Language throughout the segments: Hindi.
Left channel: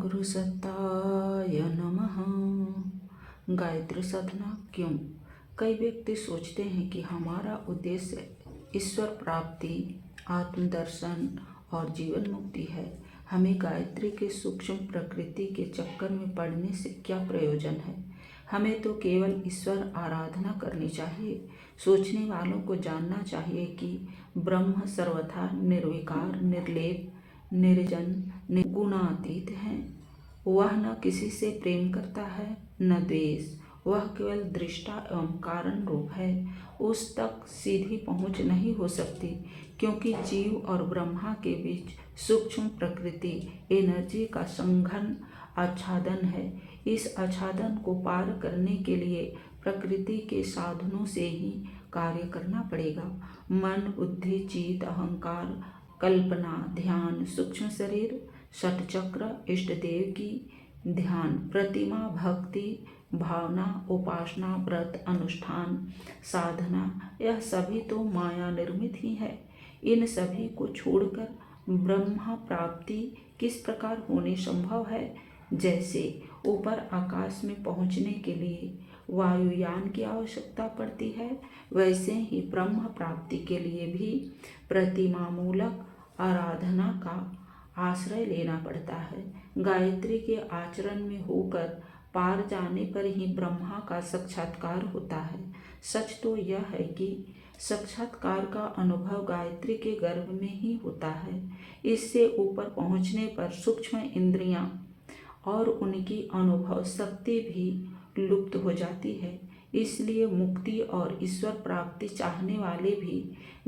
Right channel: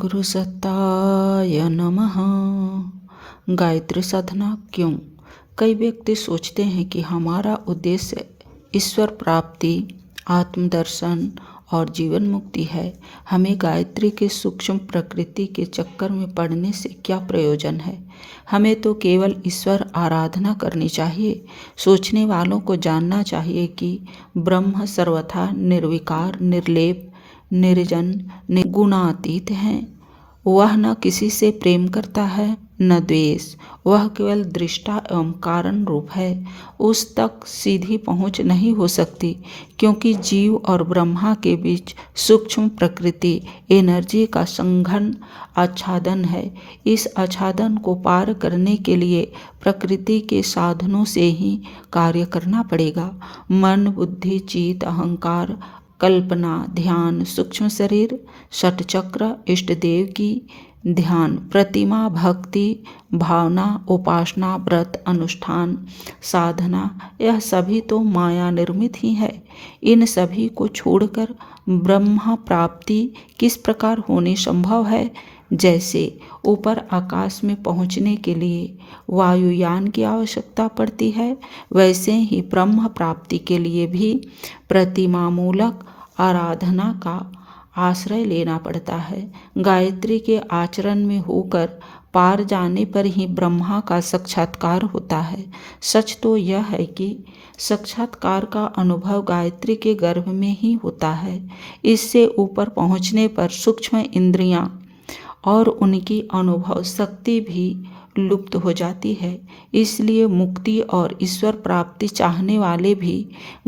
गुरु सत्ताय नमः। गायत्री साधना क्यों? कई व्यक्ति सोचते हैं कि हमारा उद्देश्य ईश्वर प्राप्ति, आत्मदर्शन और जीवन मुक्ति है। हमें गायत्री के सूक्ष्म प्रकृति के चक्कर में पड़ने से क्या प्रयोजन है? हमें तो केवल ईश्वर आराधना करनी चाहिए। सोचने वालों को जानना चाहिए कि ब्रह्म सर्वथा निर्विकार, निर्लेप, निर्जन, निर्गुणातीत हैं। वह न किसी से प्रेम करता है न द्वेष। वह केवल दृष्टा एवं कारण रूप है। उस तक सीधी पहुँच नहीं हो सकती, क्योंकि जीव और ब्रह्मा के बीच सूक्ष्म प्रकृति एनर्जी का संघन आच्छादन है। इस आच्छादन को पार करने के लिए प्रकृति के साधनों से ही कार्य करना पड़ेगा। मन, बुद्धि, चित्त, अहंकार, कल्पना, ध्यान, सूक्ष्म शरीर, षटचक्र, इष्ट देव की ध्यान, प्रतिमा, भक्ति, भावना, उपासना, व्रत, अनुष्ठान, साधना, यह सभी तो माया निर्मित ही है। इन सभी को छोड़कर ब्रह्म प्राप्ति किस प्रकार होनी संभव है? जैसे ऊपर आकाश में पहुँचने के लिए वायुयान की आवश्यकता पड़ती है, वैसे ही ब्रह्म प्राप्ति के लिए भी प्रतिमामूलक आराधना का आश्रय लेना पड़ता है। गायत्री के आचरण में होकर पार जाने पर ही ब्रह्मा का साक्षात्कार होता है। सच तो यह है कि साक्षात्कार का अनुभव गायत्री के गर्भ में ही होता है। इससे ऊपर पहुँचने पर सूक्ष्म इंद्रियां और उनकी अनुभव शक्ति भी लुप्त हो जाती है। इसलिए मुक्ति और ईश्वर प्राप्ति चाहने वाले भी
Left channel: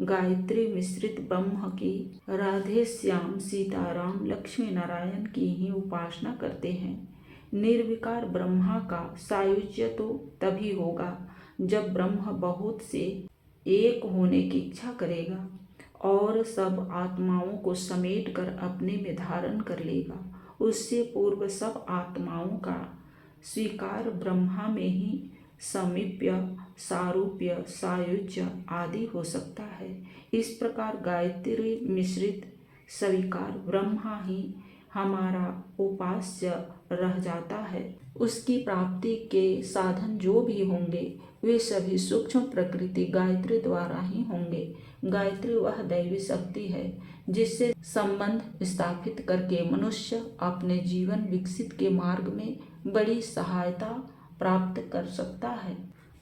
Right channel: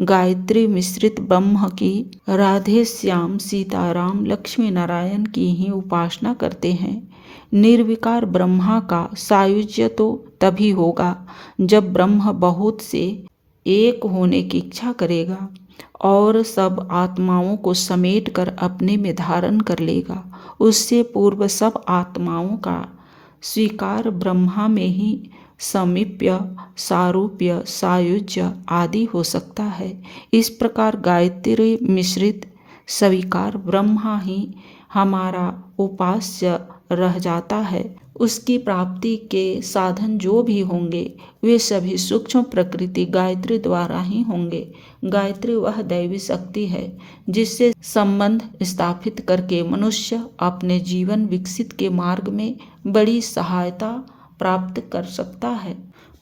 गायत्री मिश्रित ब्रह्म की, राधे श्याम, सीताराम, लक्ष्मी नारायण की ही उपासना करते हैं। निर्विकार ब्रह्मा का सायुज्य तो तभी होगा जब ब्रह्म बहुत से एक होने की इच्छा करेगा और सब आत्माओं को समेटकर अपने में धारण कर लेगा। उससे पूर्व सब आत्माओं का स्वीकार ब्रह्मा में ही समीप्य, सारूप्य, सायुज्य आदि हो सकता है। इस प्रकार गायत्री मिश्रित स्वीकार ब्रह्मा ही हमारा उपास्य रह जाता है। उसकी प्राप्ति के साधन जो भी होंगे वे सभी सूक्ष्म प्रकृति गायत्री द्वारा ही होंगे। गायत्री वह दैवी शक्ति है जिससे संबंध स्थापित करके मनुष्य अपने जीवन विकसित के मार्ग में बड़ी सहायता प्राप्त कर सकता है।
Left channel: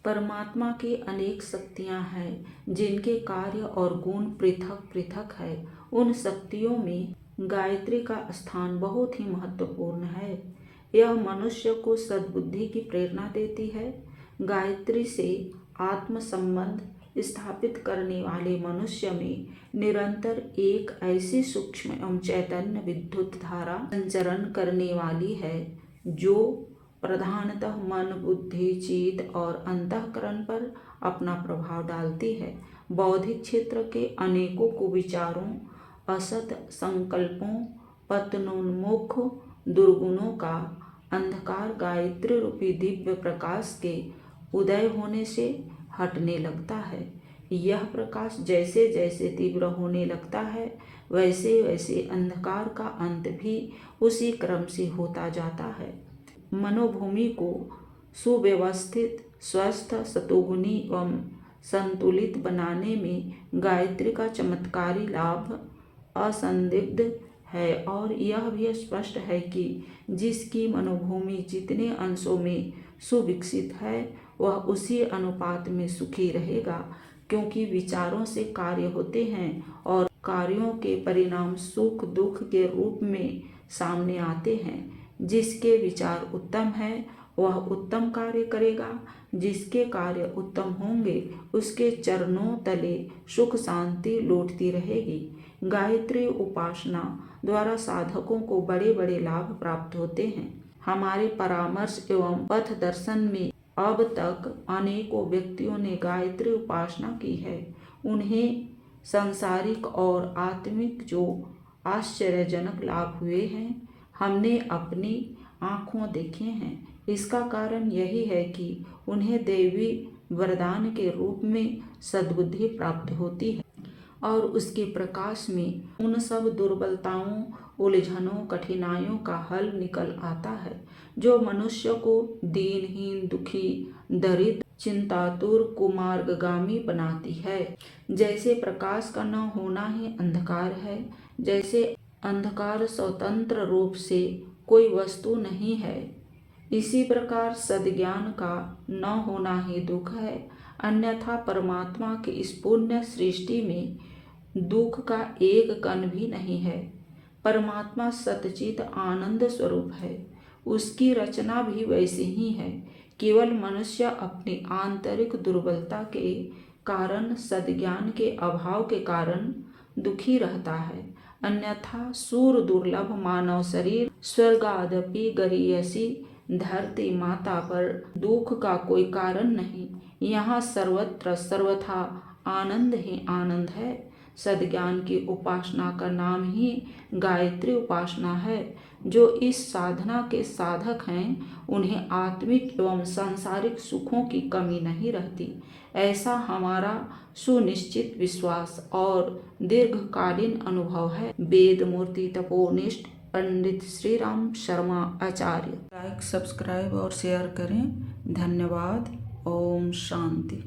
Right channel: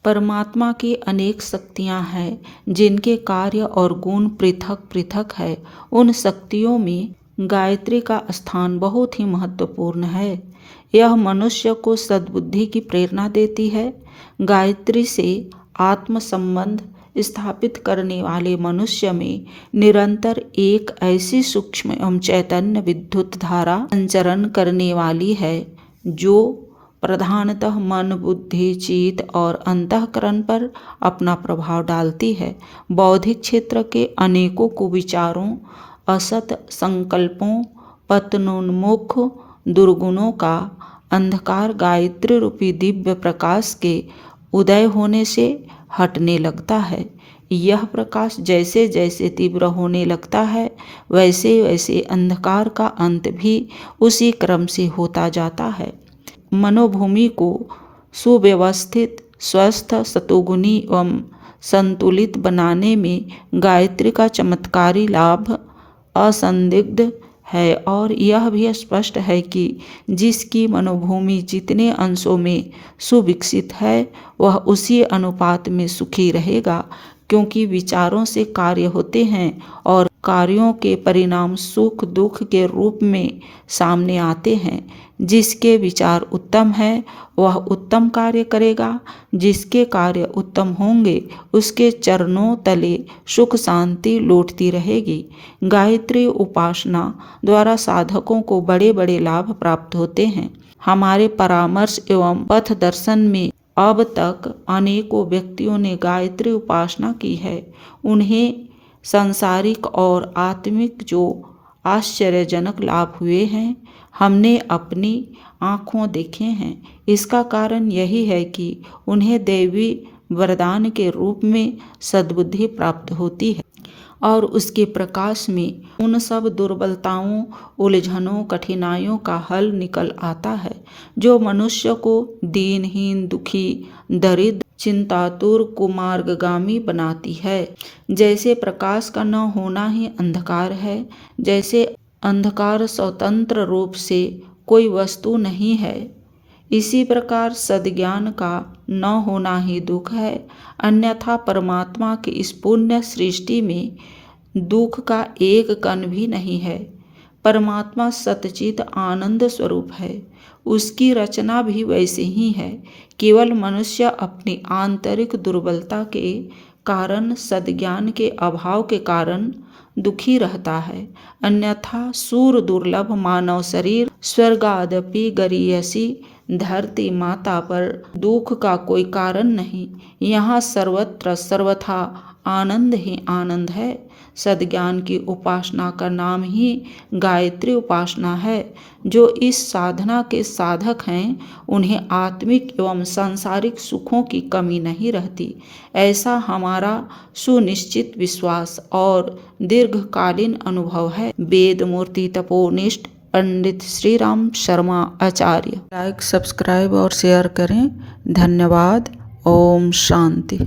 परमात्मा की अनेक शक्तियां हैं जिनके कार्य और गुण पृथक पृथक है। उन शक्तियों में गायत्री का स्थान बहुत ही महत्वपूर्ण है। यह मनुष्य को सद्बुद्धि की प्रेरणा देती है। गायत्री से आत्म संबंध स्थापित करने वाले मनुष्य में निरंतर एक ऐसी सूक्ष्म एवं चैतन्य विद्युत धारा संचरण करने वाली है जो प्रधानतः मन, बुद्धि, चित्त और अंतःकरण पर अपना प्रभाव डालती है। बौद्धिक क्षेत्र के अनेकों कुविचारों, असत संकल्पों, पतनोन्मुख दुर्गुणों का अंधकार गायत्री रूपी दिव्य प्रकाश के उदय होने से हटने लगता है। यह प्रकाश जैसे जैसे तीव्र होने लगता है वैसे वैसे अंधकार का अंत भी उसी क्रम से होता जाता है। मनोभूमि को सुव्यवस्थित, स्वस्थ, सतोगुणी एवं संतुलित बनाने में गायत्री का चमत्कारी लाभ असंदिग्ध है। और यह भी स्पष्ट है कि जिसकी मनोभूमि जितने अंशों में सुविकसित है वह उसी अनुपात में सुखी रहेगा, क्योंकि विचारों से कार्य होते हैं और कार्यों के परिणाम सुख दुख के रूप में सामने आते हैं। जिसके विचार उत्तम है वह उत्तम कार्य करेगा। जिसके कार्य उत्तम होंगे उसके चरणों तले सुख शांति लौटती रहेगी। गायत्री उपासना द्वारा साधकों को बड़े बड़े लाभ प्राप्त होते हैं। हमारे परामर्श एवं पथ दर्शन में अब तक अनेकों व्यक्तियों ने गायत्री उपासना की है। उन्हें सांसारिक और आत्मिक जो आश्चर्यजनक लाभ हुए हैं हमने अपनी आँखों देखे हैं। इसका कारण यही है कि उन्हें दैवी वरदान के रूप में सद्बुद्धि प्राप्त होती है। और उसके प्रकाश में उन सब दुर्बलताओं, उलझनों, कठिनाइयों का हल निकल आता है जो मनुष्य को दीनहीन, दुखी, दरिद्र, चिंतातुर, कुमार्गगामी बनाती है। जैसे प्रकाश का न होना ही अंधकार है, जैसे अंधकार स्वतंत्र रूप से कोई वस्तु नहीं है, इसी प्रकार सद्ज्ञान का न होना ही दुख है। अन्यथा परमात्मा की इस पुण्य सृष्टि में दुख का एक कण भी नहीं है। परमात्मा सच्चित आनंद स्वरूप है, उसकी रचना भी वैसे ही है। केवल मनुष्य अपनी आंतरिक दुर्बलता के कारण, सद्ज्ञान के अभाव के कारण दुखी रहता है। अन्यथा सूर दुर्लभ मानव शरीर स्वर्गादपि गरीयसी धरती माता पर दुख का कोई कारण नहीं। यहाँ सर्वत्र सर्वथा आनंद ही आनंद है। सद्ज्ञान की उपासना का नाम ही गायत्री उपासना है। जो इस साधना के साधक हैं उन्हें आत्मिक एवं सांसारिक सुखों की कमी नहीं रहती, ऐसा हमारा सुनिश्चित विश्वास और दीर्घकालीन अनुभव है। वेद मूर्ति तपोनिष्ठ पंडित श्री राम शर्मा आचार्य। लाइक, सब्सक्राइब और शेयर करें। धन्यवाद। ओम शांति।